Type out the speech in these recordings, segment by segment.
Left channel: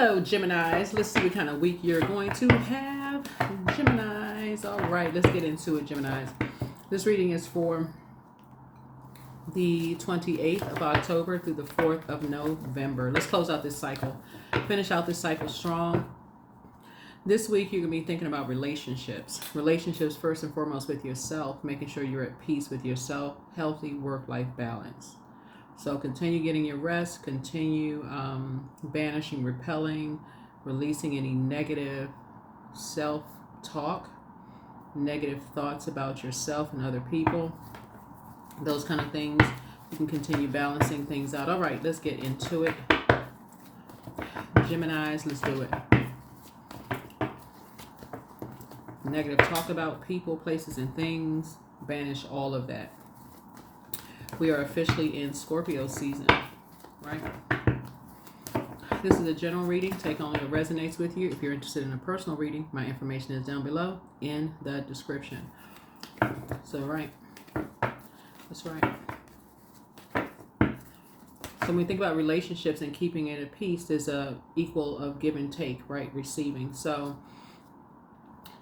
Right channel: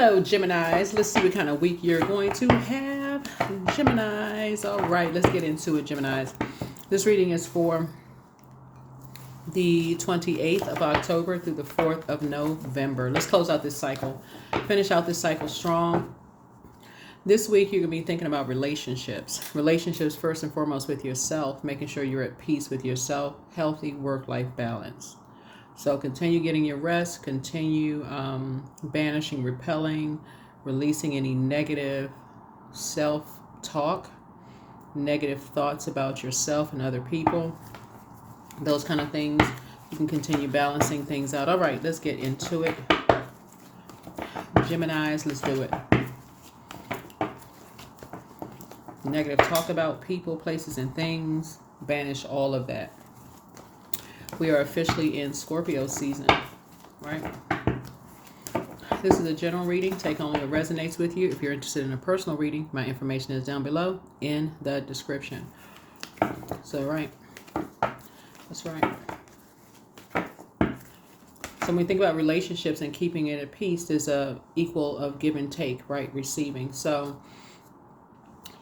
Hello, Geminis. Let's see what kind of week you're going to have. Geminis. All right, let's get into it, Geminis. This reading is for the 28th of October through the 4th of November. Let's close out this cycle. Finish out this cycle strong. This week, you're going to be thinking about relationships. Relationships, first and foremost, with yourself, making sure you're at peace with yourself, healthy work-life balance. So continue getting your rest, continue banishing, repelling, releasing any negative self-talk, negative thoughts about yourself and other people, those kind of things. You can continue balancing things out. All right, let's get into it. Geminis, let's do it. Negative talk about people, places, and things, banish all of that. We are officially in Scorpio season, right? This is a general reading. Take only what resonates with you. If you're interested in a personal reading, my information is down below in the description. So, right. That's right. So when we think about relationships and keeping it at peace, there's a equal of give and take, right? Receiving. So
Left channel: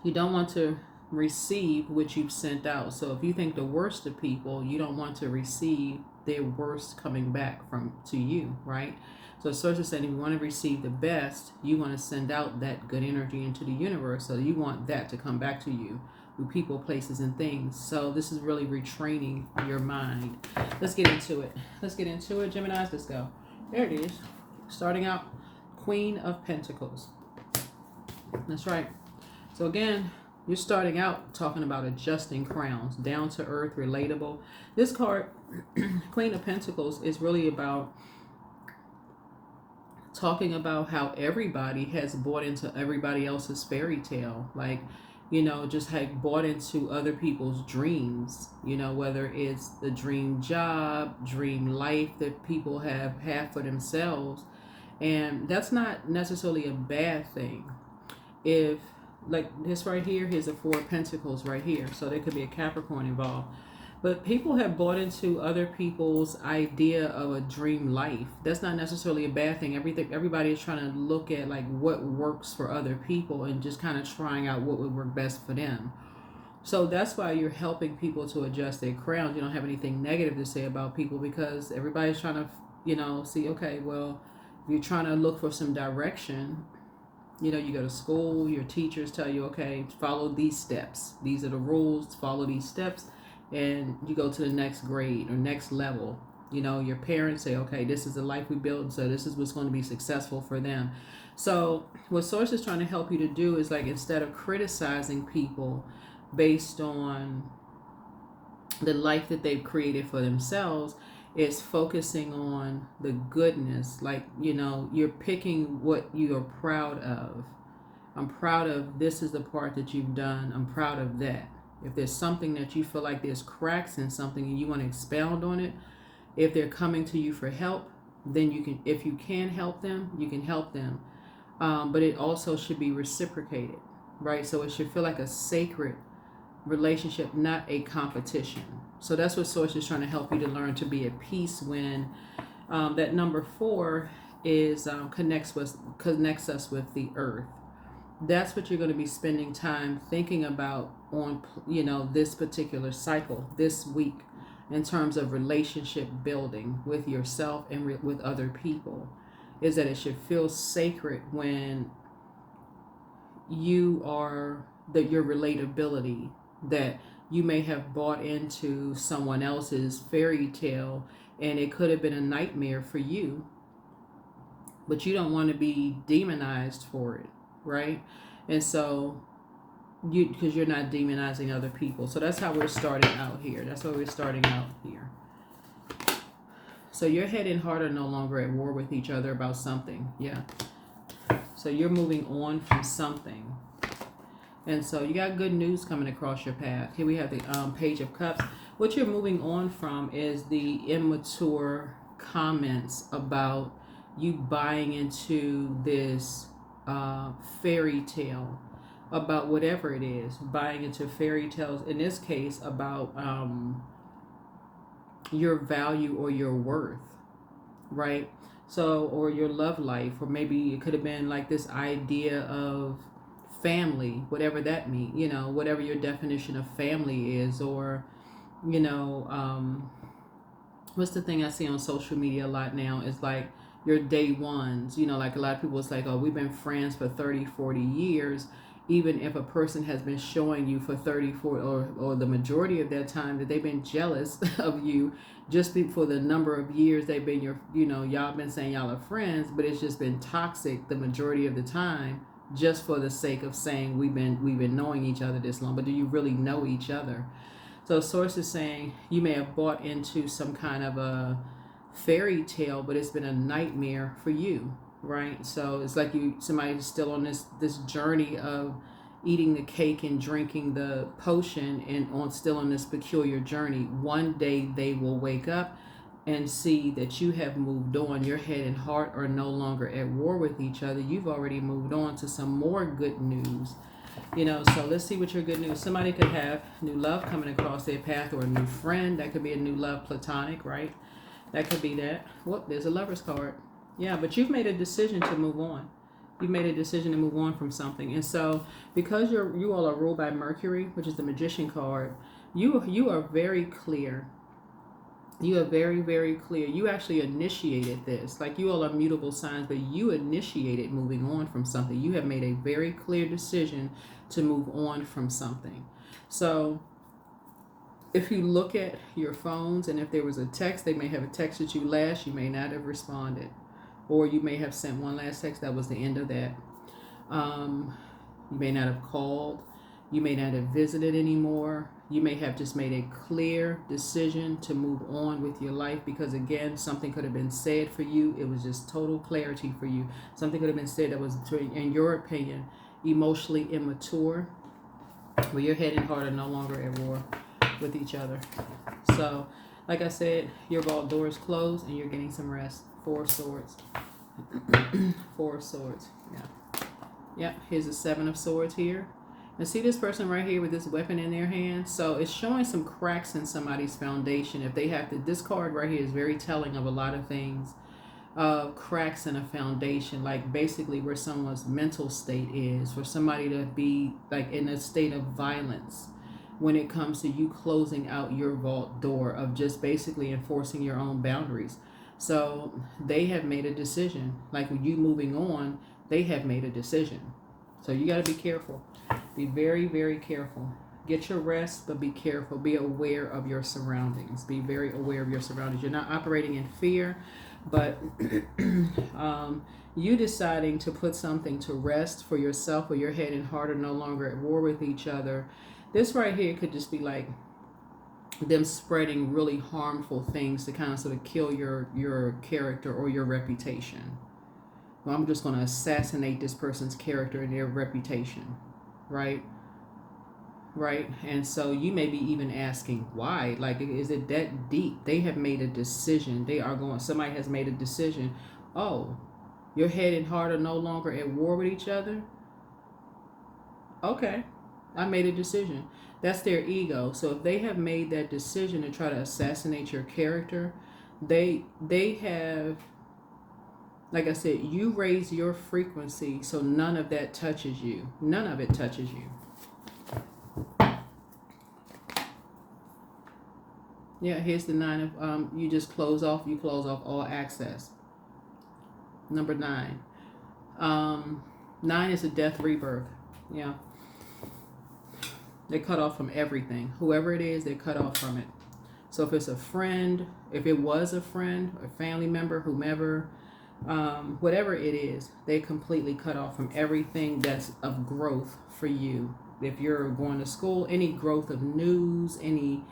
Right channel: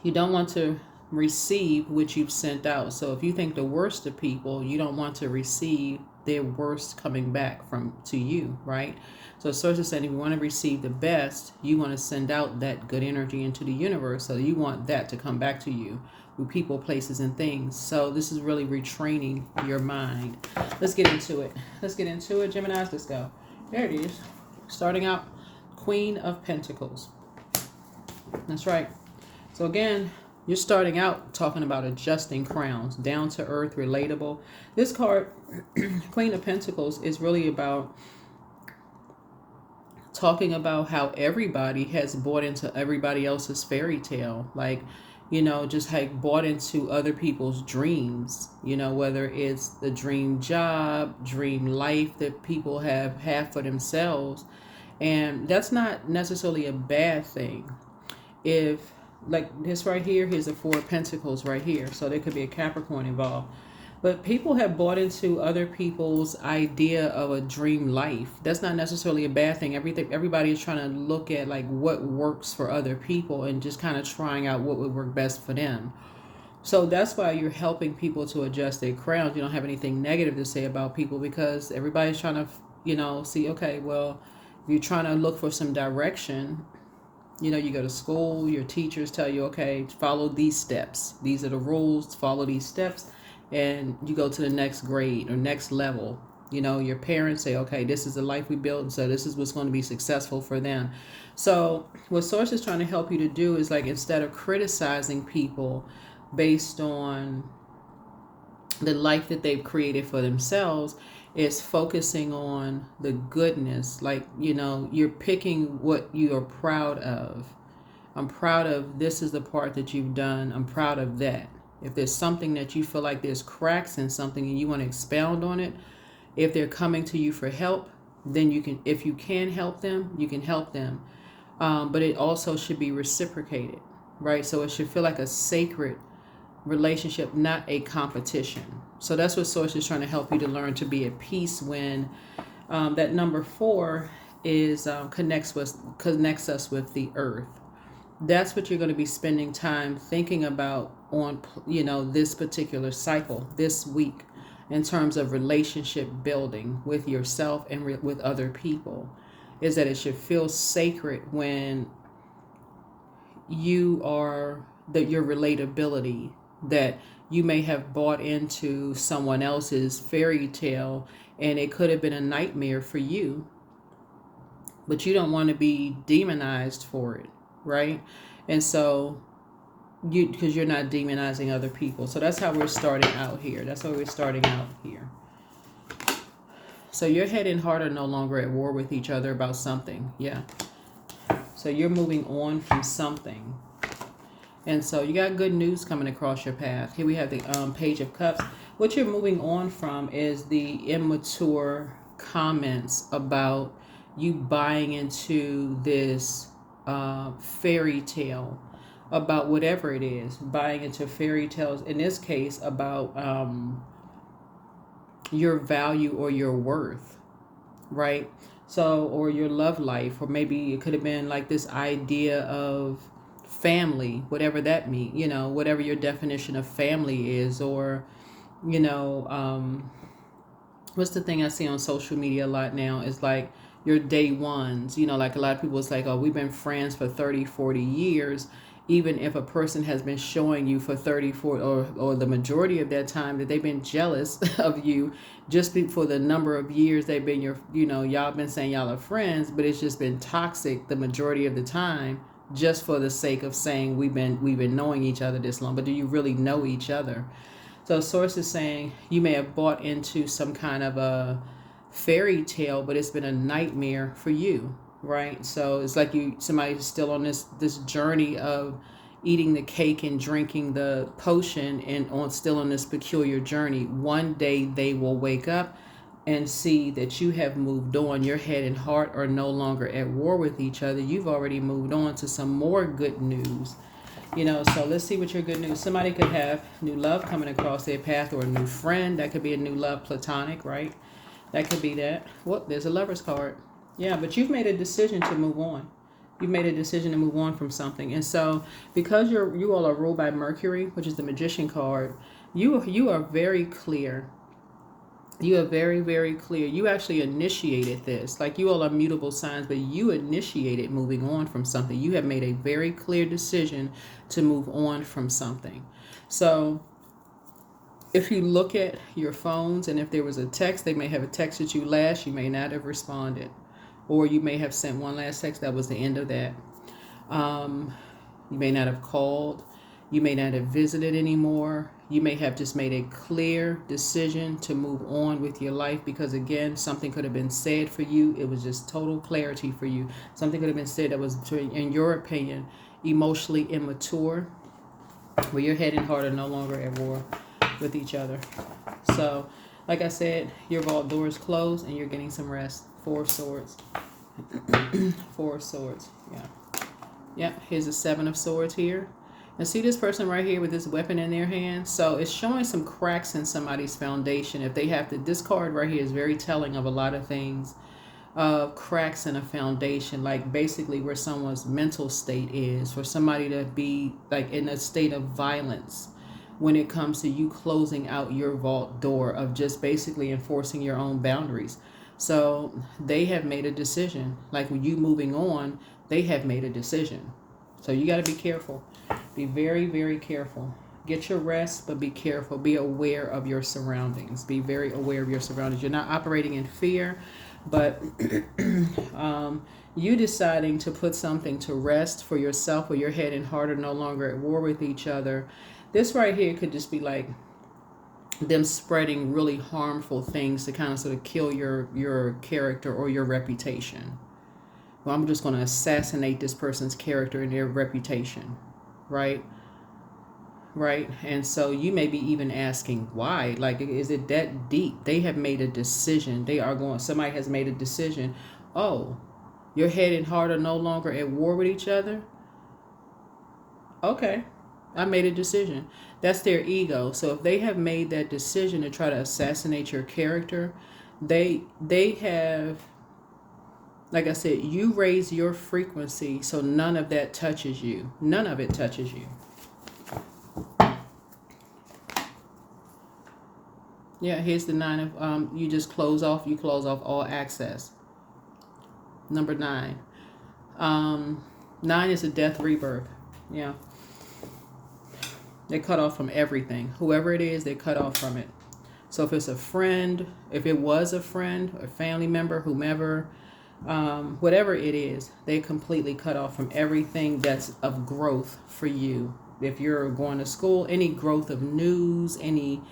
you don't want to receive what you've sent out. So if you think the worst of people, you don't want to receive their worst coming back to you, right? So source is saying if you want to receive the best, you want to send out that good energy into the universe. So you want that to come back to you with people, places, and things. So this is really retraining your mind. Let's get into it. Geminis. Let's go. There it is. Starting out, Queen of Pentacles. That's right. So again, you're starting out talking about adjusting crowns, down to earth, relatable. This card, Queen of Pentacles, is really about talking about how everybody has bought into everybody else's fairy tale. Like, just like bought into other people's dreams, whether it's the dream job, dream life that people have had for themselves. And that's not necessarily a bad thing. If like this right here, here's the Four of Pentacles right here. So there could be a Capricorn involved. But people have bought into other people's idea of a dream life. That's not necessarily a bad thing. Everybody is trying to look at like what works for other people and just kind of trying out what would work best for them. So that's why you're helping people to adjust their crowns. You don't have anything negative to say about people because everybody's trying to, see, okay, well, if you're trying to look for some direction, you go to school, your teachers tell you, okay, follow these steps. These are the rules, follow these steps, and you go to the next grade or next level. Your parents say, okay, this is the life we built, so this is what's going to be successful for them. So what Source is trying to help you to do is like instead of criticizing people based on the life that they've created for themselves, is focusing on the goodness. Like, you're picking what you are proud of. I'm proud of this is the part that you've done. I'm proud of that. If there's something that you feel like there's cracks in something and you want to expound on it, if they're coming to you for help, then you can, if you can help them, you can help them. But it also should be reciprocated, right? So it should feel like a sacred relationship, not a competition. So that's what Source is trying to help you to learn to be at peace when that number 4 is connects us with the earth. That's what you're going to be spending time thinking about on this particular cycle this week in terms of relationship building with yourself and with other people, is that it should feel sacred when your relatability, that you may have bought into someone else's fairy tale and it could have been a nightmare for you, but you don't want to be demonized for it, right? And so because you're not demonizing other people. So that's how we're starting out here. So your head and heart are no longer at war with each other about something. Yeah. So you're moving on from something. And so you got good news coming across your path. Here we have the Page of Cups. What you're moving on from is the immature comments about you buying into this fairy tale about whatever it is. Buying into fairy tales, in this case, about your value or your worth, right? So, or your love life, or maybe it could have been like this idea of family, whatever that means, whatever your definition of family is, or, you know, what's the thing I see on social media a lot now is like your day ones, like a lot of people, it's like, oh, we've been friends for 30, 40 years. Even if a person has been showing you for 30, 40, or the majority of that time that they've been jealous of you just for the number of years they've been y'all been saying y'all are friends, but it's just been toxic the majority of the time, just for the sake of saying we've been knowing each other this long. But do you really know each other? So source is saying you may have bought into some kind of a fairy tale, but it's been a nightmare for you, right? So it's like somebody's still on this journey of eating the cake and drinking the potion, and still on this peculiar journey. One day they will wake up and see that you have moved on. Your head and heart are no longer at war with each other. You've already moved on to some more good news. So let's see what your good news. Somebody could have new love coming across their path, or a new friend. That could be a new love, platonic, right? That could be that. Well, there's a Lover's card. Yeah, but you've made a decision to move on. You've made a decision to move on from something. And so because you all are ruled by Mercury, which is the Magician card, you are very clear. You are very, very clear. You actually initiated this. Like, you all are mutable signs, but you initiated moving on from something. You have made a very clear decision to move on from something. So if you look at your phones, and if there was a text, they may have texted you last, you may not have responded. Or you may have sent one last text, that was the end of that. You may not have called. You may not have visited anymore. You may have just made a clear decision to move on with your life, because, again, something could have been said for you. It was just total clarity for you. Something could have been said that was, in your opinion, emotionally immature, where your head and heart are no longer at war with each other. So, like I said, your vault door is closed and you're getting some rest. 4 of Swords. 4 of Swords. Yeah. Here's the 7 of Swords here. And see this person right here with this weapon in their hand? So it's showing some cracks in somebody's foundation. If they have to, this card right here is very telling of a lot of things. Cracks in a foundation, like basically where someone's mental state is, for somebody to be like in a state of violence when it comes to you closing out your vault door, of just basically enforcing your own boundaries. So they have made a decision. Like, when you moving on, they have made a decision. So you got to be careful. Be very, very careful. Get your rest, but be careful. Be aware of your surroundings. Be very aware of your surroundings. You're not operating in fear, but you deciding to put something to rest for yourself, where your head and heart are no longer at war with each other. This right here could just be like them spreading really harmful things to kind of sort of kill your character or your reputation. Well, I'm just going to assassinate this person's character and their reputation, right? And so you may be even asking why. Like, is it that deep? They have made a decision. Somebody has made a decision. Oh, your head and heart are no longer at war with each other? Okay, I made a decision. That's their ego. So if they have made that decision to try to assassinate your character, they have, like I said, you raise your frequency so none of that touches you. None of it touches you. Yeah, here's the 9 of, you close off all access. Number 9. 9 is a death rebirth. Yeah. They cut off from everything. Whoever it is, they cut off from it. So if it's a friend, if it was a friend, a family member, whomever, whatever it is, they completely cut off from everything that's of growth for you. If you're going to school, any growth of news, any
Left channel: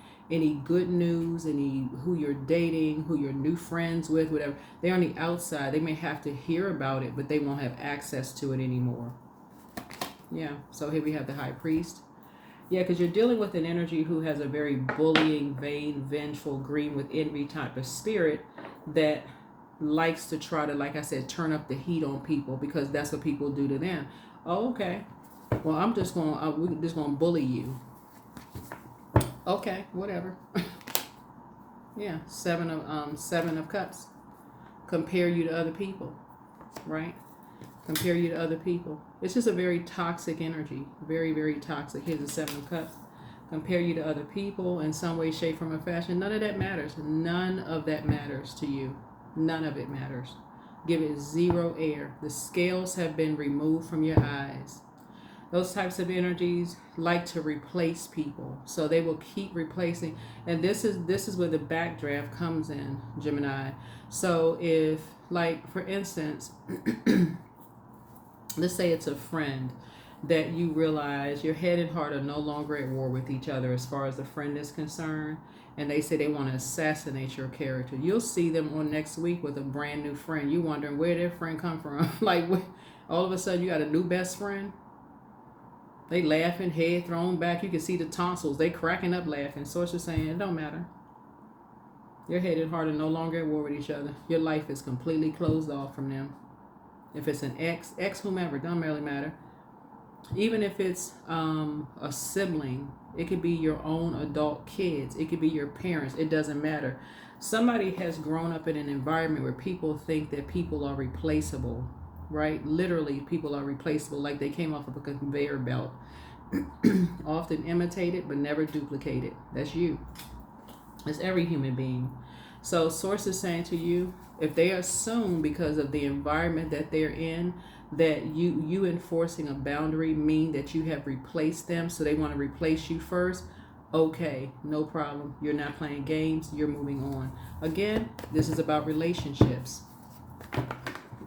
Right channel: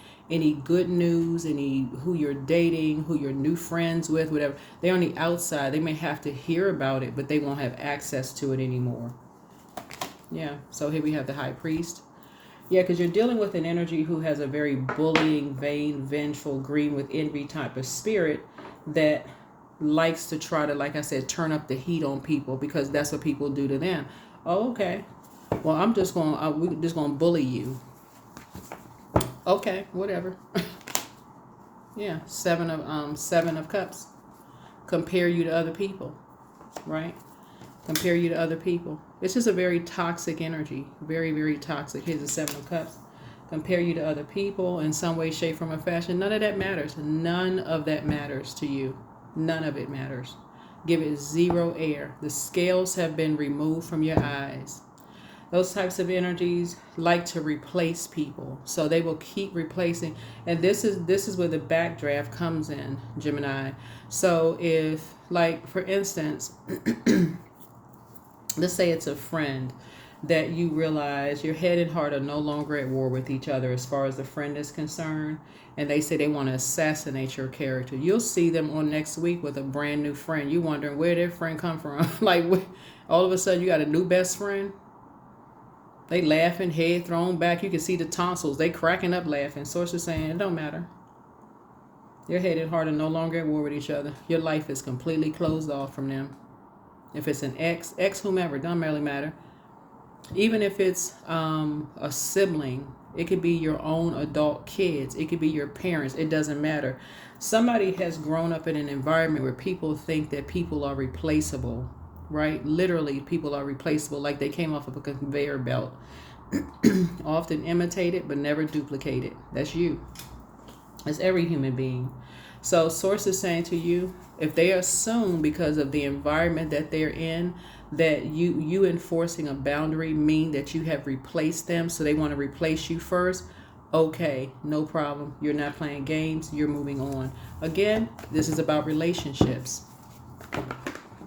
good news, who you're dating, who you're new friends with, whatever, they're on the outside. They may have to hear about it, but they won't have access to it anymore. Yeah, so here we have the High Priest. Yeah, because you're dealing with an energy who has a very bullying, vain, vengeful, green with envy type of spirit that likes to try to, like I said, turn up the heat on people, because that's what people do to them. Oh, okay. Well, we're just gonna bully you. Okay, whatever. Yeah, 7 of Cups. compare you to other people, right? Compare you to other people. It's just a very toxic energy. Very, very toxic. Here's the Seven of Cups. Compare you to other people in some way, shape, form, or fashion. None of that matters. None of that matters to you. None of it matters. Give it zero air. The scales have been removed from your eyes. Those types of energies like to replace people. So they will keep replacing. And this is where the backdraft comes in, Gemini. So if, like, for instance, let's say it's a friend that you realize your head and heart are no longer at war with each other as far as the friend is concerned, and they say they want to assassinate your character. You'll see them on next week with a brand new friend. You wondering where their friend come from. Like, all of a sudden you got a new best friend. They laughing, head thrown back. You can see the tonsils. They cracking up laughing. Source is saying it don't matter. Your head and heart are no longer at war with each other. Your life is completely closed off from them. If it's an ex whomever, it doesn't really matter. Even if it's a sibling, it could be your own adult kids. It could be your parents. It doesn't matter. Somebody has grown up in an environment where people think that people are replaceable, right? Literally, people are replaceable, like they came off of a conveyor belt. Often imitated, but never duplicated. That's you. That's every human being. So Source is saying to you, if they assume because of the environment that they're in, that you enforcing a boundary mean that you have replaced them, so they want to replace you first, okay, no problem. You're not playing games. You're moving on. Again, this is about relationships.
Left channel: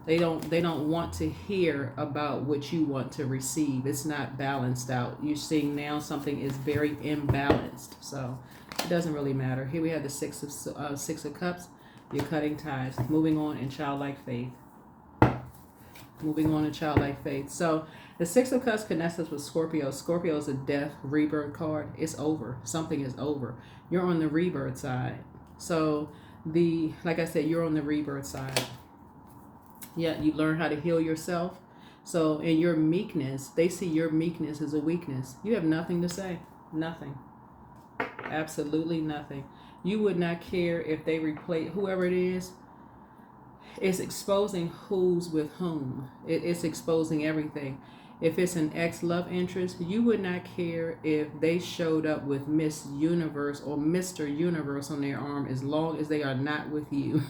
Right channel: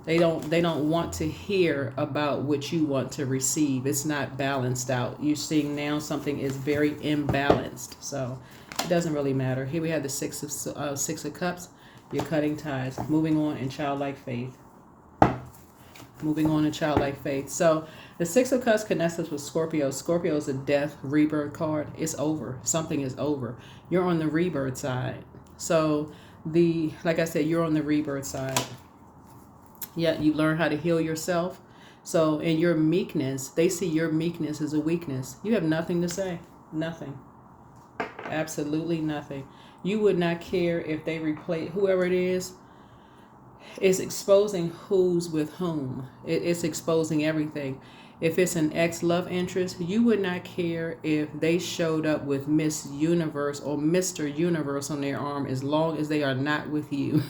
They don't want to hear about what you want to receive. It's not balanced out. You're seeing now something is very imbalanced. So it doesn't really matter. Here we have the Six of Cups. You're cutting ties, moving on in childlike faith. Moving on in childlike faith. So the Six of Cups connects us with Scorpio. Scorpio is a death, rebirth card. It's over. Something is over. You're on the rebirth side. So like I said, you're on the rebirth side. Yeah, you learn how to heal yourself. So in your meekness, they see your meekness as a weakness. You have nothing to say. Nothing. Absolutely nothing. You would not care if they replace whoever it is. It's exposing who's with whom. It's exposing everything. If it's an ex-love interest, you would not care if they showed up with Miss Universe or Mr. Universe on their arm, as long as they are not with you.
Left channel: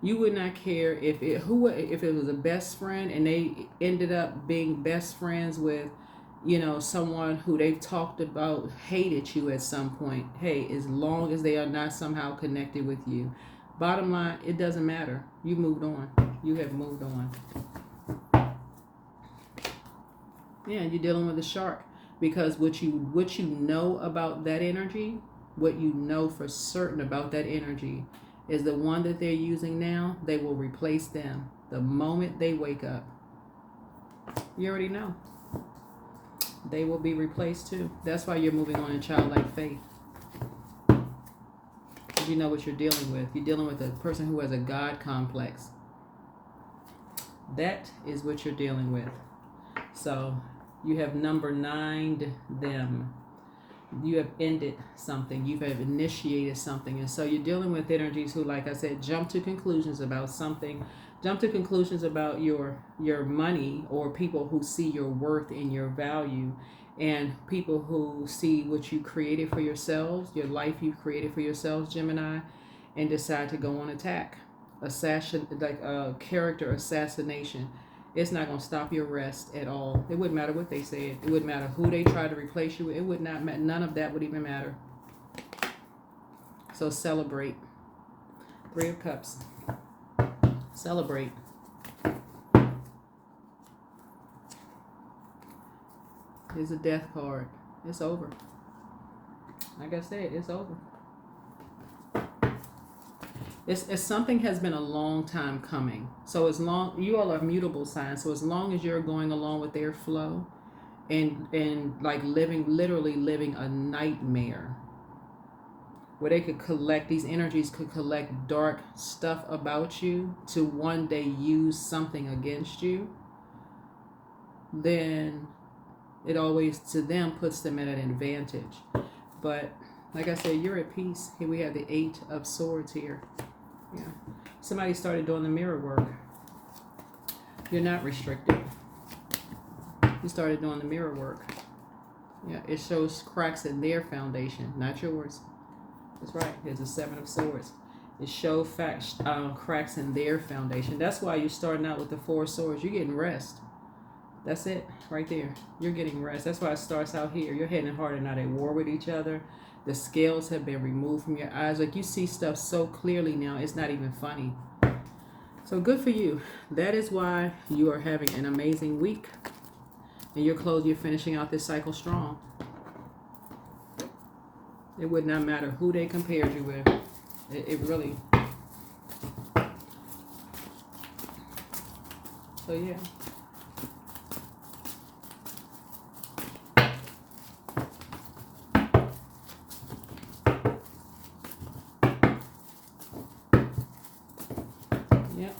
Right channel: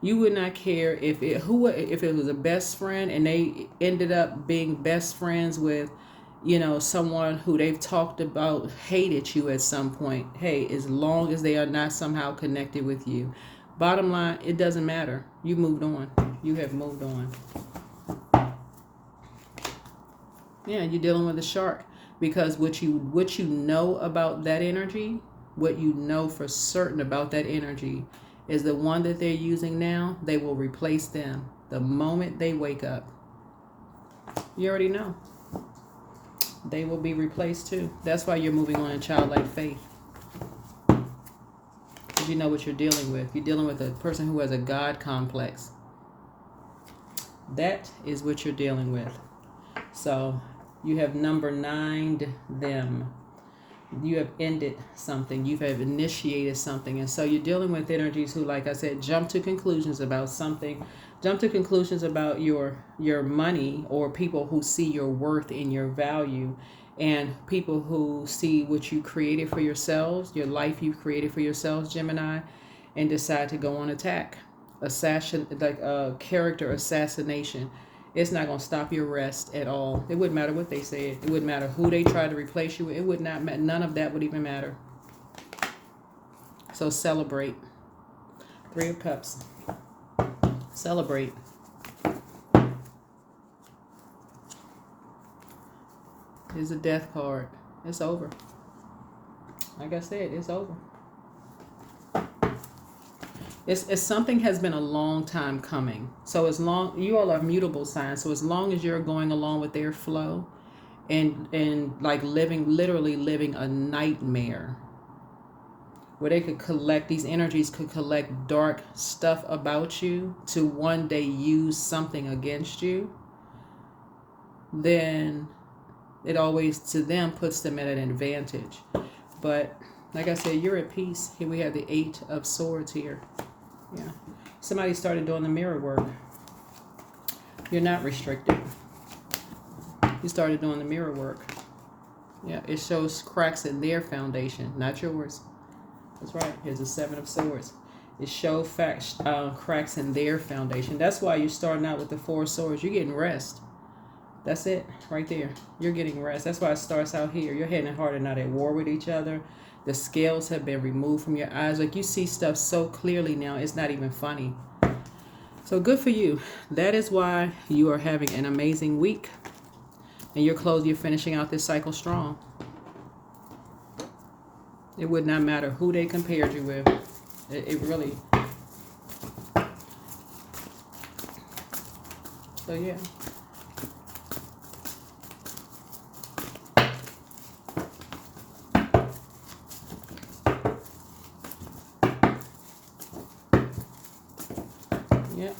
You would not care if it was a best friend and they ended up being best friends with, someone who they've talked about hated you at some point. Hey, as long as they are not somehow connected with you. Bottom line, it doesn't matter. You moved on. You have moved on. Yeah, you're dealing with a shark, because what you know about that energy, what you know for certain about that energy, is the one that they're using now. They will replace them the moment they wake up. You already know. They will be replaced too. That's why you're moving on in childlike faith. You know what you're dealing with. You're dealing with a person who has a God complex. That is what you're dealing with. So you have number 9'd them. You have ended something. You have initiated something. And so you're dealing with energies who, like I said, jump to conclusions about something. Jump to conclusions about your money, or people who see your worth and your value, and people who see what you created for yourselves, your life you've created for yourselves, Gemini, and decide to go on attack. Character assassination. It's not going to stop your rest at all. It wouldn't matter what they said. It wouldn't matter who they tried to replace you with. It would not matter. None of that would even matter. So celebrate. 3 of Cups. Celebrate. Here's a death card. It's over. Like I said, it's over. It's something has been a long time coming. So as long, you all are mutable signs. So as long as you're going along with their flow, and like literally living a nightmare, where they could collect, these energies could collect dark stuff about you to one day use something against you, then it always, to them, puts them at an advantage. But like I said, you're at peace. Here we have the 8 of Swords here. Yeah. Somebody started doing the mirror work. You're not restricted. You started doing the mirror work. Yeah, it shows cracks in their foundation, not yours. That's right. Here's the Seven of Swords. It shows cracks in their foundation. That's why you're starting out with the Four of Swords. You're getting rest. That's it, right there. You're getting rest. That's why it starts out here. You're heading hard and not at war with each other. The scales have been removed from your eyes. Like, you see stuff so clearly now, it's not even funny. So good for you. That is why you are having an amazing week. And you're finishing out this cycle strong. It would not matter who they compared you with. It really. So yeah. Yep.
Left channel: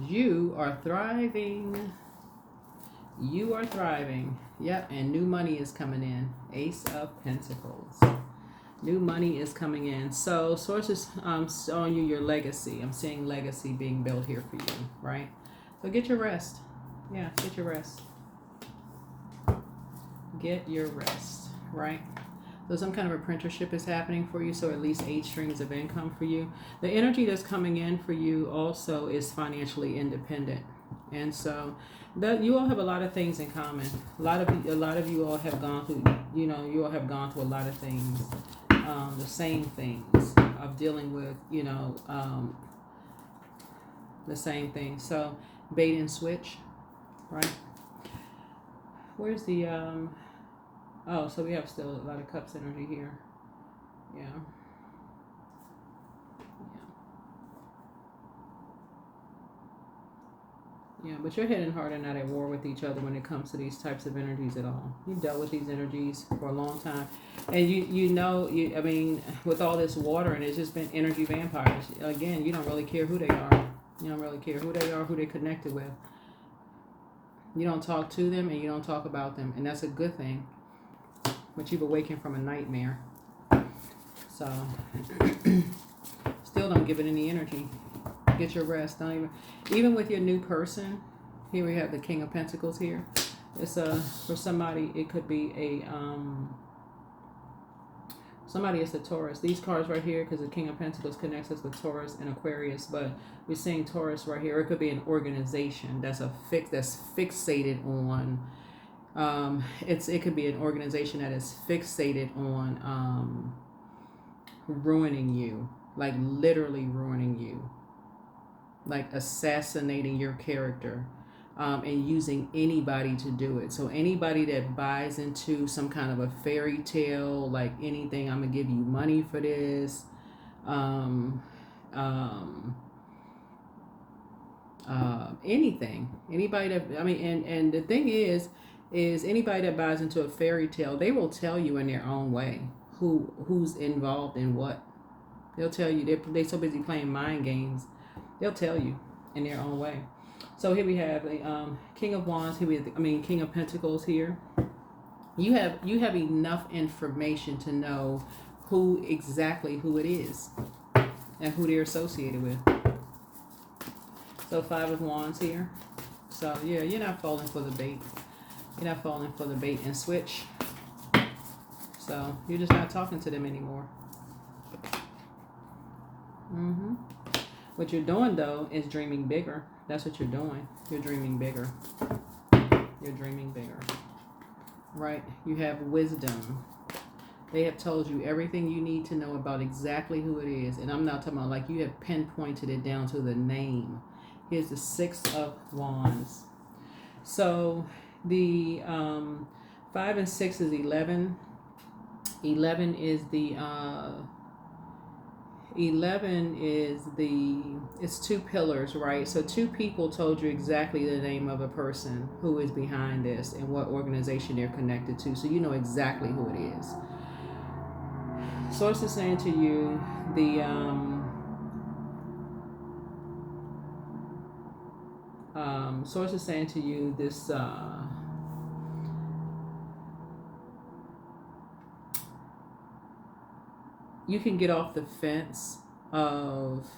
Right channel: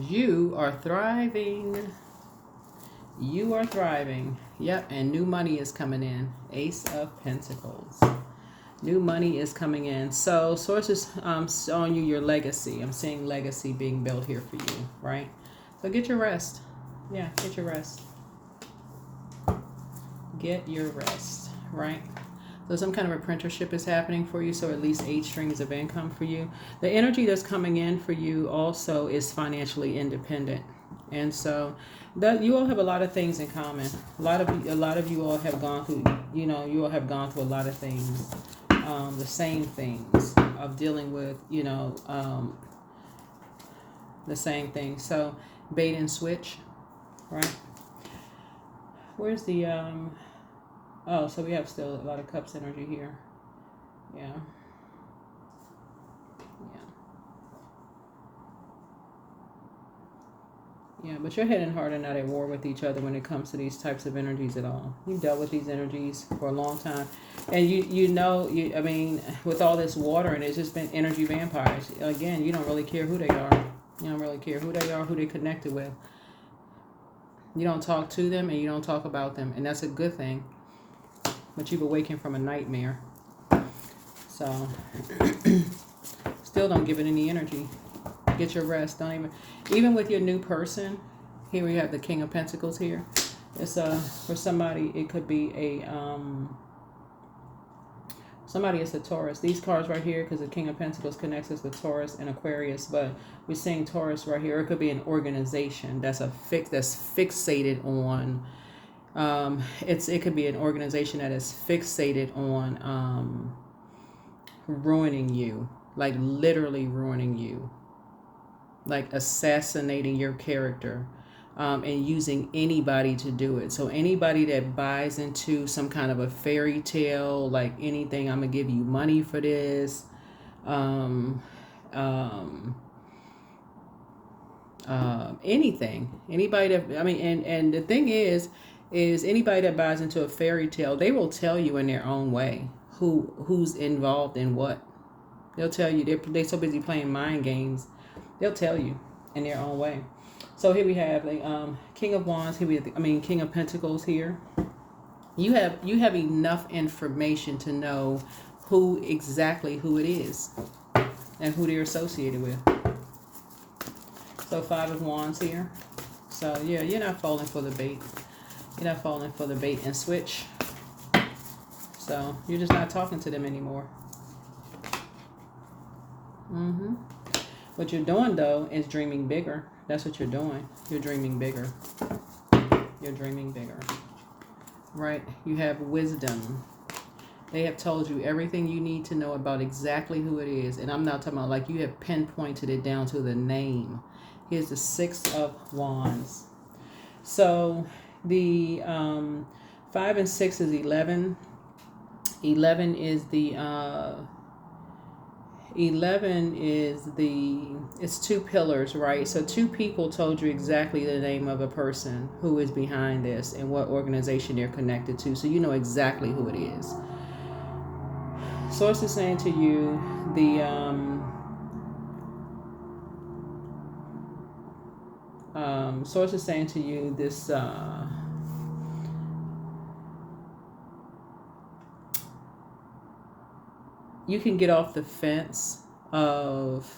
You are thriving. You are thriving. Yep, and new money is coming in. Ace of Pentacles. New money is coming in. So sources showing you your legacy. I'm seeing legacy being built here for you, right? So get your rest. Yeah, get your rest. Get your rest, right? So some kind of apprenticeship is happening for you, so at least 8 streams of income for you. The energy that's coming in for you also is financially independent. And so that you all have a lot of things in common. A lot of you all have gone through, you all have gone through a lot of things, the same things of dealing with, the same thing. So bait and switch, right? Where's the oh, so we have still a lot of cups energy here. Yeah. Yeah, but you're heading hard and not at war with each other when it comes to these types of energies at all. You've dealt with these energies for a long time. And I mean, with all this water, and it's just been energy vampires. Again, you don't really care who they are. You don't really care who they are, who they connected with. You don't talk to them and you don't talk about them. And that's a good thing. But you've awakened from a nightmare. So, still don't give it any energy. Get your rest. Don't even with your new person. Here we have the King of Pentacles here. It's for somebody, it could be somebody is a Taurus. These cards right here, because the King of Pentacles connects us with Taurus and Aquarius, but we're seeing Taurus right here. It could be an organization that's fixated on. It could be an organization that is fixated on ruining you, like literally ruining you, like assassinating your character, and using anybody to do it. So anybody that buys into some kind of a fairy tale, like anything, I'm gonna give you money for this, anything, anybody that, I mean, and the thing is anybody that buys into a fairy tale, they will tell you in their own way who's involved in what. They'll tell you. They're so busy playing mind games. They'll tell you in their own way. So here we have the King of Wands. King of Pentacles here. You have enough information to know who it is and who they're associated with. So 5 of Wands here. So yeah, you're not falling for the bait. You're not falling for the bait and switch. So you're just not talking to them anymore. What you're doing, though, is dreaming bigger. That's what you're doing. You're dreaming bigger. You're dreaming bigger. Right? You have wisdom. They have told you everything you need to know about exactly who it is. And I'm not talking about like you have pinpointed it down to the name. Here's the 6 of Wands. So the 5 and 6 is 11. 11 is the... 11 is it's 2 pillars, right? So 2 people told you exactly the name of a person who is behind this and what organization they're connected to. So you know exactly who it is. Source is saying to you, source is saying to you this, you can get off the fence of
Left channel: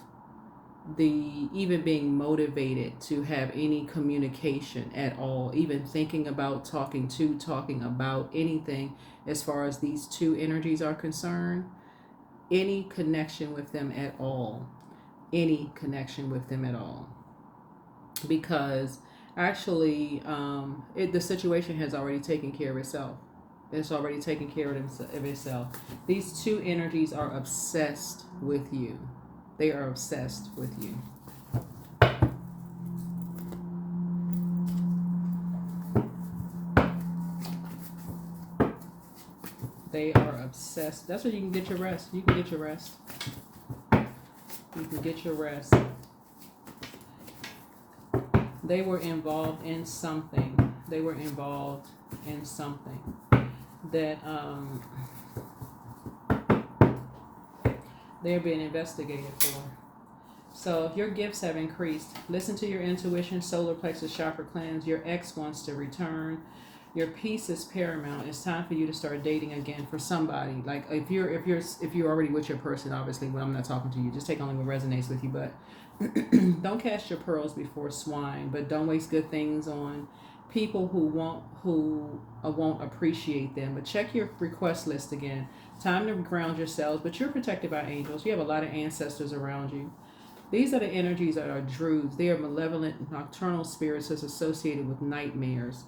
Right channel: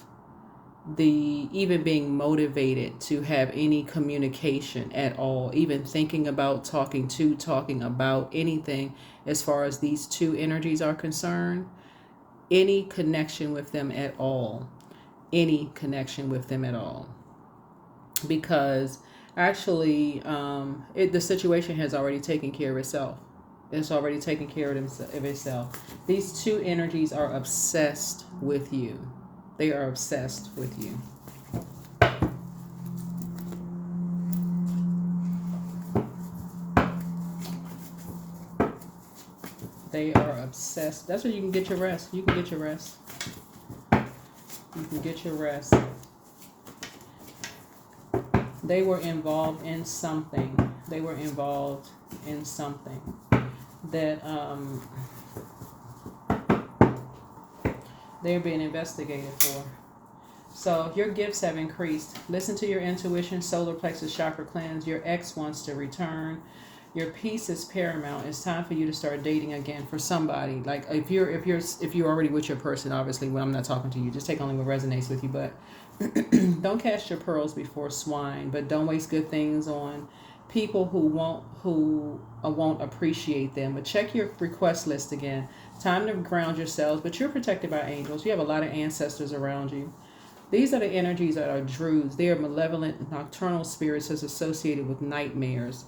the even being motivated to have any communication at all, even thinking about talking about anything as far as these two energies are concerned, any connection with them at all, any connection with them at all. Because actually, the situation has already taken care of itself. It's already taken care of itself. These two energies are obsessed with you. They are obsessed with you. They are obsessed. That's where you can get your rest. You can get your rest. You can get your rest. They were involved in something. They were involved in something that they're being investigated for. So your gifts have increased. Listen to your intuition. Solar plexus chakra cleanse. Your ex wants to return. Your peace is paramount. It's time for you to start dating again for somebody. Like if you're already with your person, obviously when I'm not talking to you, just take only what resonates with you. But don't cast your pearls before swine. But don't waste good things on people who won't appreciate them. But check your request list again. Time to ground yourselves. But you're protected by angels. You have a lot of ancestors around you. These are the energies that are druids. They are malevolent nocturnal spirits that's associated with nightmares.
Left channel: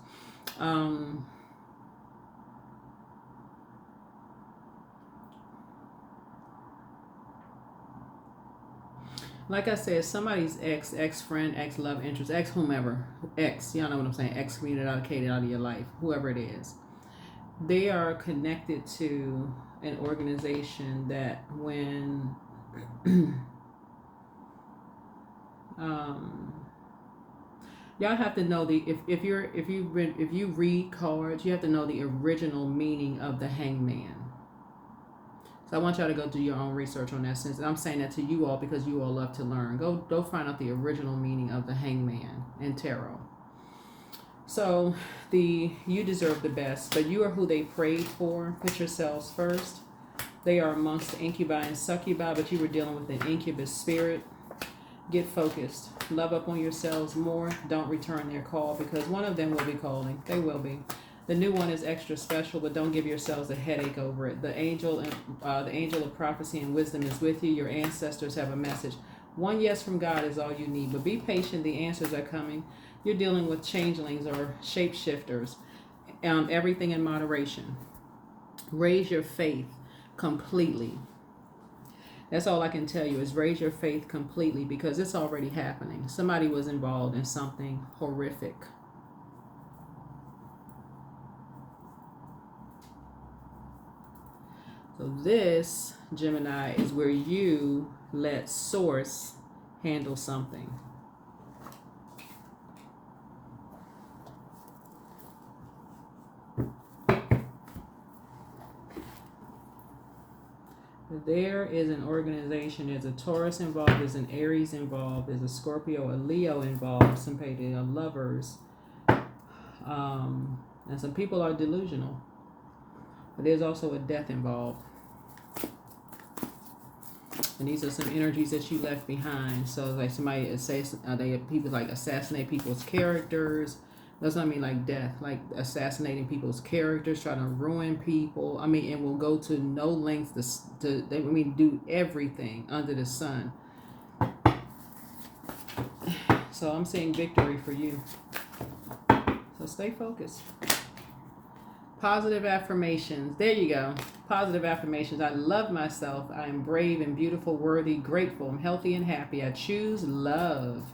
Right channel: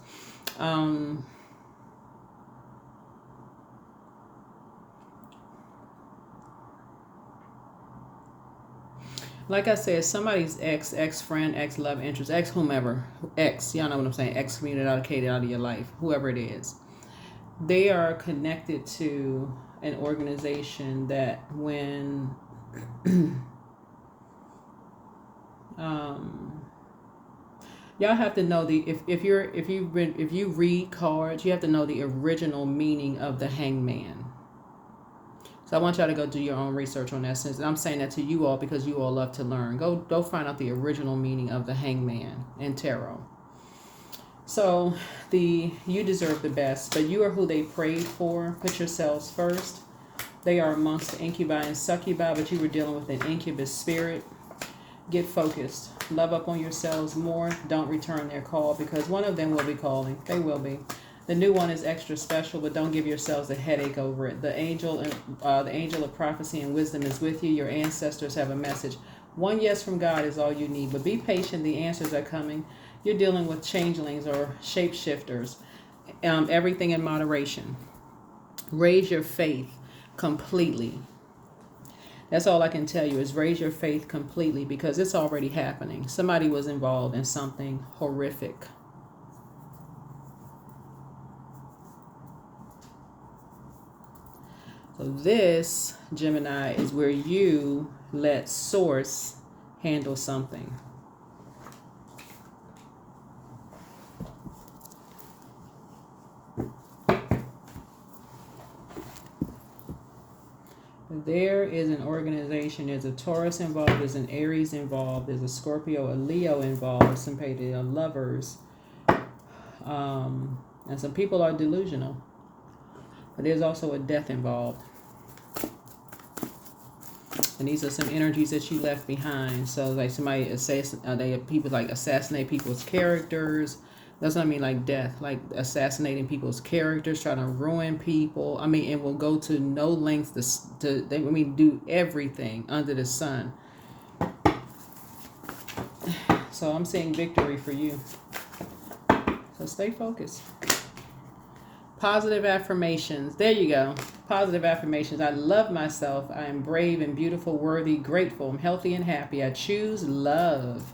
Like I said, somebody's ex-friend, ex-love interest, ex-whomever, y'all know what I'm saying, excommunicated out of your life, whoever it is. They are connected to an organization that when y'all have to know if you read cards, you have to know the original meaning of the hangman. So I want y'all to go do your own research on that. Since I'm saying that to you all because you all love to learn. Go find out the original meaning of the hangman in tarot. So you deserve the best, but you are who they prayed for. Put yourselves first. They are amongst the incubi and succubi, but you were dealing with an incubus spirit. Get focused. Love up on yourselves more. Don't return their call because one of them will be calling. They will be. The new one is extra special, but don't give yourselves a headache over it. The angel of prophecy and wisdom is with you. Your ancestors have a message. One yes from God is all you need, but be patient. The answers are coming. You're dealing with changelings or shapeshifters. Everything in moderation. Raise your faith completely. That's all I can tell you is raise your faith completely because it's already happening. Somebody was involved in something horrific. So this, Gemini, is where you let Source handle something. There is an organization, there's a Taurus involved, there's an Aries involved, there's a Scorpio, a Leo involved, some people are lovers, and some people are delusional. But there's also a death involved. And these are some energies that you left behind. So like somebody people like assassinate people's characters. That's what I mean, like death, like assassinating people's characters, trying to ruin people. I mean, and will go to no lengths to do everything under the sun. So I'm seeing victory for you. So stay focused. Positive affirmations. There you go. Positive affirmations. I love myself. I am brave and beautiful, worthy, grateful. I'm healthy and happy. I choose love.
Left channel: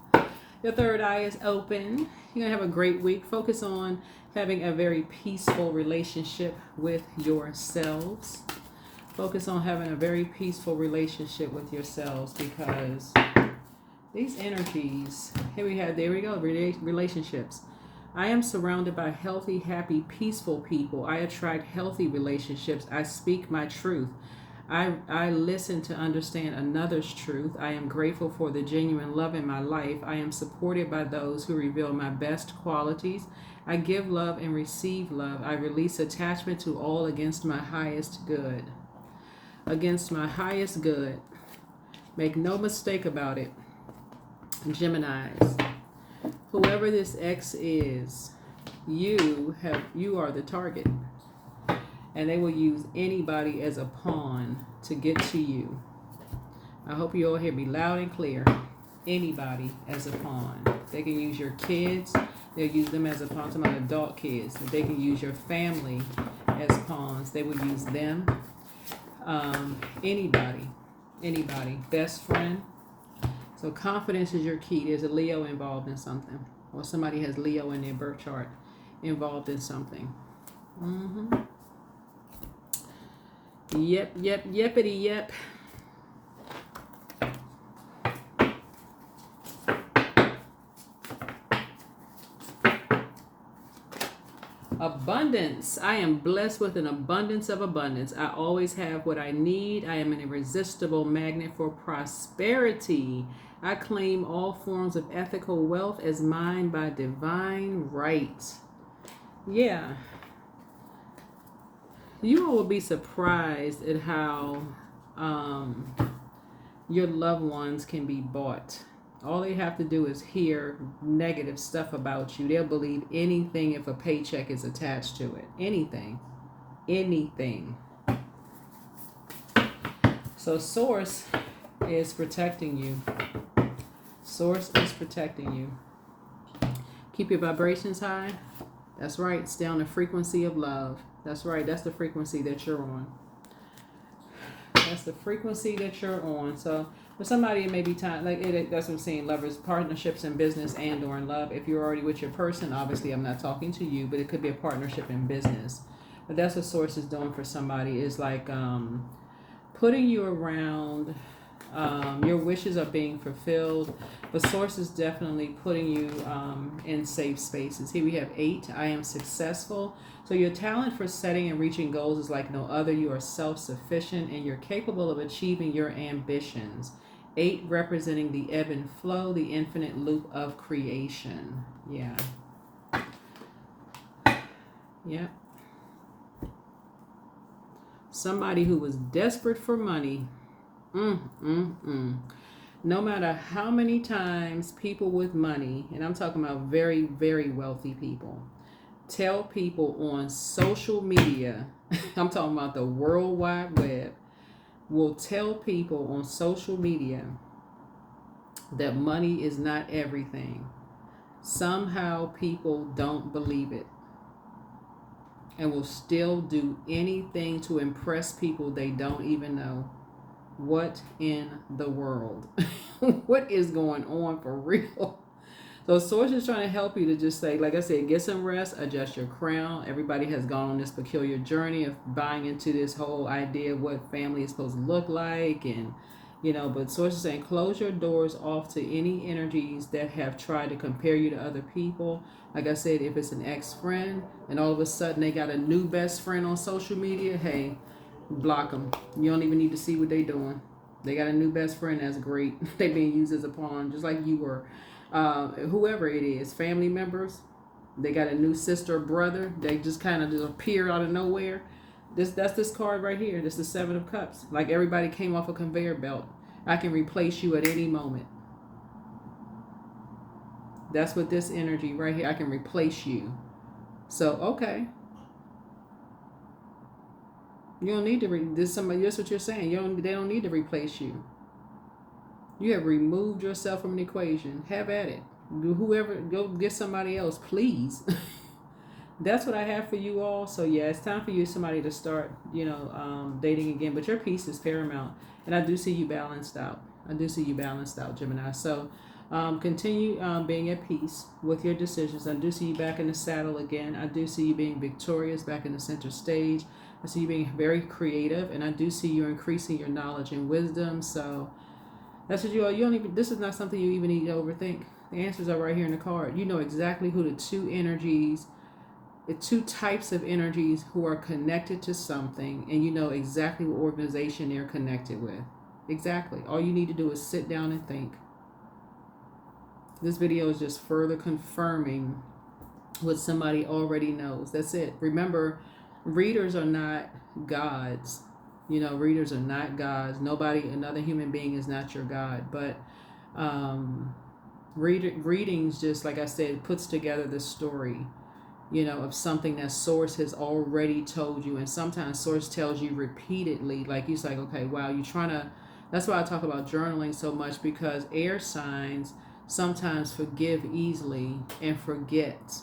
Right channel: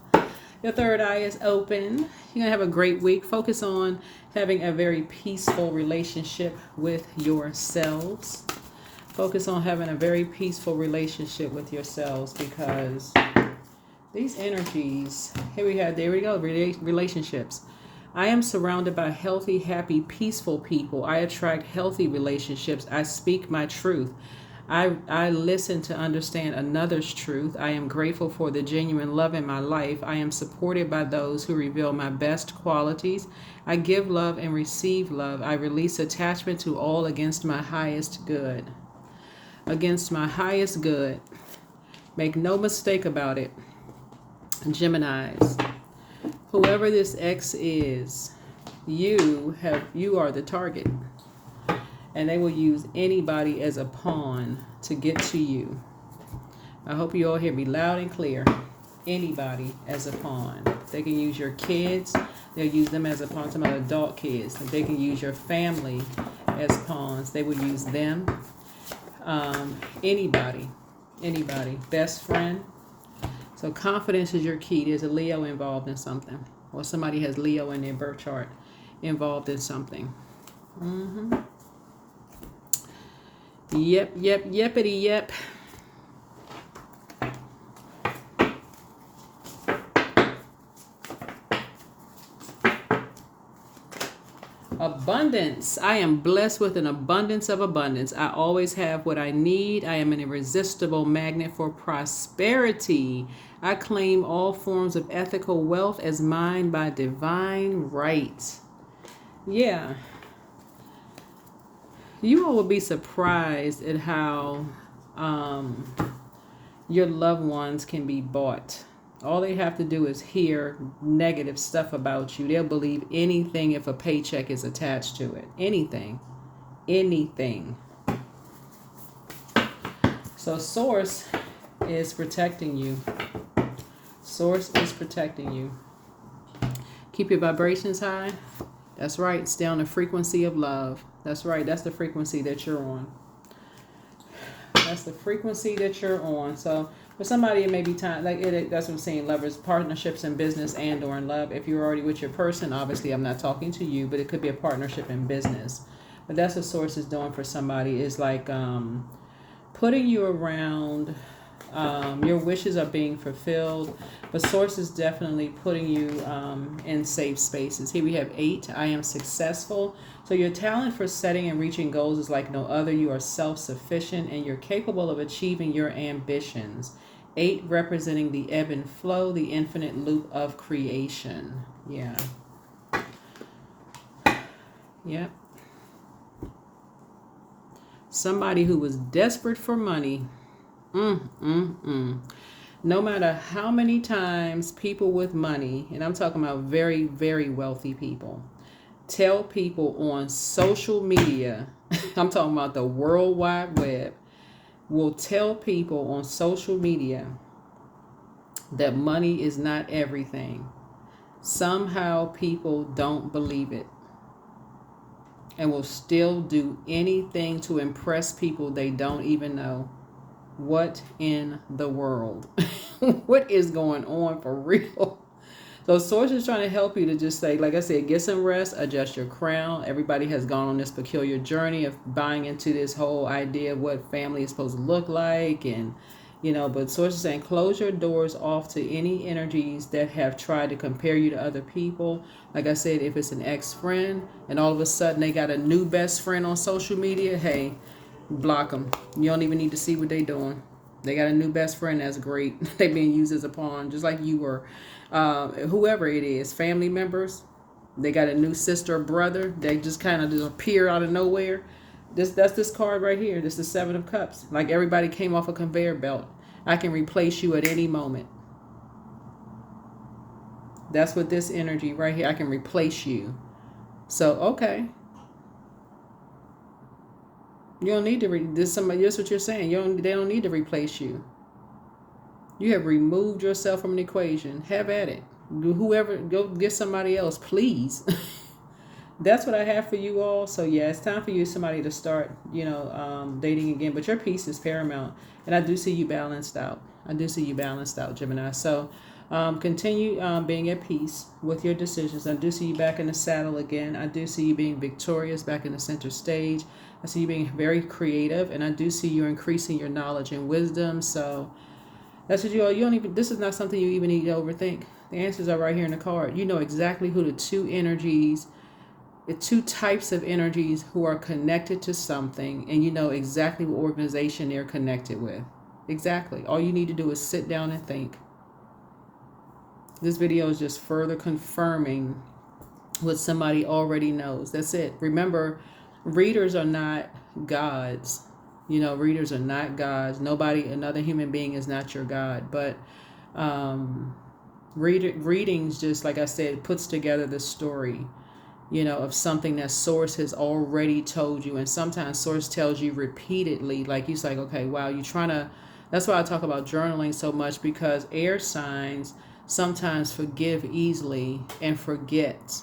Your third eye is open. You're going to have a great week. Focus on having a very peaceful relationship with yourselves. Focus on having a very peaceful relationship with yourselves because these energies, there we go, relationships. I am surrounded by healthy, happy, peaceful people. I attract healthy relationships. I speak my truth. I listen to understand another's truth. I am grateful for the genuine love in my life. I am supported by those who reveal my best qualities. I give love and receive love. I release attachment to all against my highest good. against my highest good. Make no mistake about it, Geminis. Whoever this ex is, you are the target. And they will use anybody as a pawn to get to you. I hope you all hear me loud and clear. Anybody as a pawn. They can use your kids. They'll use them as a pawn to my adult kids. They can use your family as pawns. They will use them. Anybody. Best friend. So confidence is your key. There's a Leo involved in something. Or somebody has Leo in their birth chart involved in something. Yepity yep. Abundance. I am blessed with an abundance of abundance. I always have what I need. I am an irresistible magnet for prosperity. I claim all forms of ethical wealth as mine by divine right. Yeah. You all will be surprised at how your loved ones can be bought. All they have to do is hear negative stuff about you. They'll believe anything if a paycheck is attached to it. Anything. So Source is protecting you. Keep your vibrations high. That's right. Stay on the frequency of love. That's right. That's the frequency that you're on. So for somebody, it may be time, that's what I'm saying, lovers, partnerships in business and or in love. If you're already with your person, obviously I'm not talking to you, but it could be a partnership in business. But that's what Source is doing for somebody, is like putting you around, your wishes are being fulfilled, but Source is definitely putting you in safe spaces. Here we have 8, I am successful. So your talent for setting and reaching goals is like no other. You are self-sufficient and you're capable of achieving your ambitions. 8 representing the ebb and flow, the infinite loop of creation. Yeah. Yep. Somebody who was desperate for money. No matter how many times people with money, and I'm talking about very, very wealthy people, tell people on social media, I'm talking about the World Wide Web, will tell people on social media that money is not everything. Somehow people don't believe it and will still do anything to impress people they don't even know. What in the world? What is going on for real? So Source is trying to help you to just say, like I said, get some rest, adjust your crown. Everybody has gone on this peculiar journey of buying into this whole idea of what family is supposed to look like. And, but Source is saying, close your doors off to any energies that have tried to compare you to other people. Like I said, if it's an ex-friend and all of a sudden they got a new best friend on social media, hey, block them. You don't even need to see what they're doing. They got a new best friend. That's great. They being used as a pawn, just like you were. Whoever it is, family members, they got a new sister or brother. They just kind of just appear out of nowhere. That's this card right here. This is 7 of Cups. Like everybody came off a conveyor belt. I can replace you at any moment. That's what this energy right here. I can replace you. So okay. You don't need to. That's what you're saying. They don't need to replace you. You have removed yourself from an equation. Have at it. Whoever, go get somebody else, please. That's what I have for you all. So yeah, it's time for you, somebody, to start, dating again. But your peace is paramount, and I do see you balanced out. Gemini. So continue being at peace with your decisions. I do see you back in the saddle again. I do see you being victorious back in the center stage. I see you being very creative, and I do see you increasing your knowledge and wisdom. So that's what you don't even, this is not something you even need to overthink. The answers are right here in the card. You know exactly who the two types of energies who are connected to something, and you know exactly what organization they're connected with. Exactly. All you need to do is sit down and think. This video is just further confirming what somebody already knows. That's it. Remember, readers are not gods. You know, readers are not gods. Nobody, another human being is not your God. But readings, just like I said, puts together the story, you know, of something that source has already told you. And sometimes source tells you repeatedly, like he's like, okay, wow, you're trying to, that's why I talk about journaling so much, because air signs sometimes forgive easily and forget,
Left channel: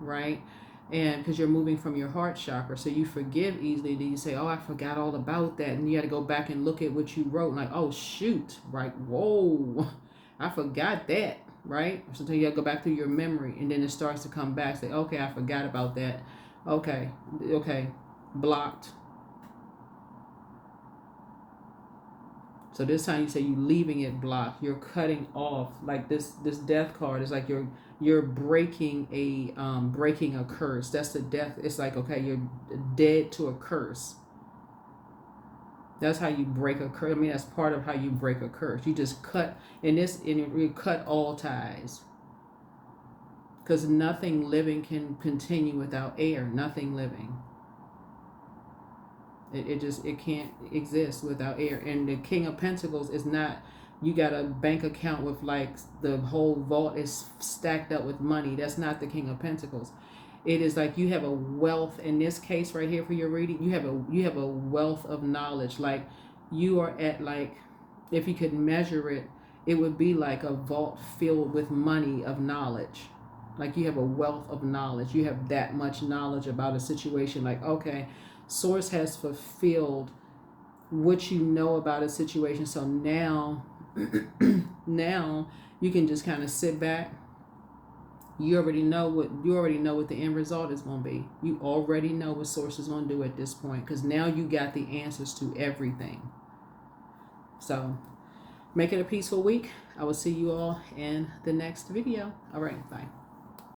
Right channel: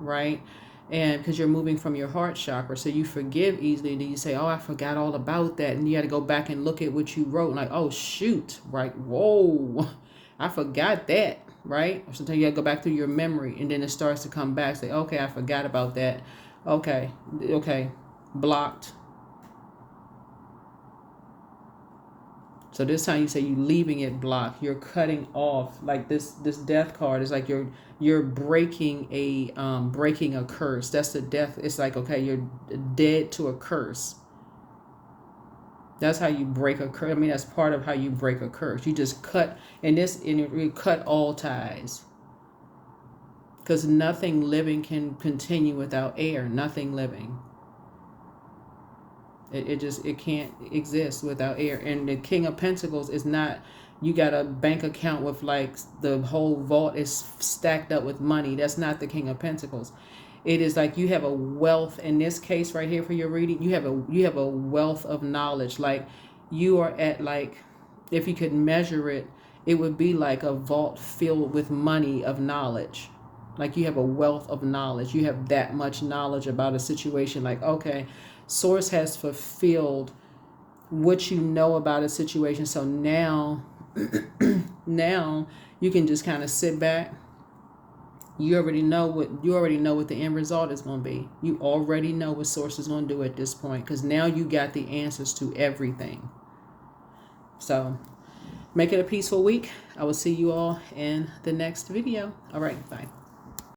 right? And because you're moving from your heart chakra, so you forgive easily, then you say, oh, I forgot all about that, and you got to go back and look at what you wrote, and like, oh shoot, right? Whoa, I forgot that, right? Or sometimes you got to go back through your memory, and then it starts to come back. Say, okay, I forgot about that. Okay, blocked. So this time you say you leaving it blocked. You're cutting off, like this death card is like you're breaking a curse. That's the death. It's like, okay, you're dead to a curse. That's how you break a curse. I mean, that's part of how you break a curse. You just cut, and you cut all ties, because nothing living can continue without air. Nothing living. It can't exist without air. And the King of Pentacles is not, you got a bank account with like the whole vault is stacked up with money. That's not the King of Pentacles. It is like you have a wealth. In this case right here for your reading, you have a wealth of knowledge. Like you are at, like, if you could measure it, it would be like a vault filled with money of knowledge. Like you have a wealth of knowledge. You have that much knowledge about a situation. Like, okay, source has fulfilled what you know about a situation. So now now you can just kind of sit back. You already know what the end result is going to be. You already know what source is going to do at this point, because now you got the answers to everything. So make it a peaceful week. I will see you all in the next video. All right, bye.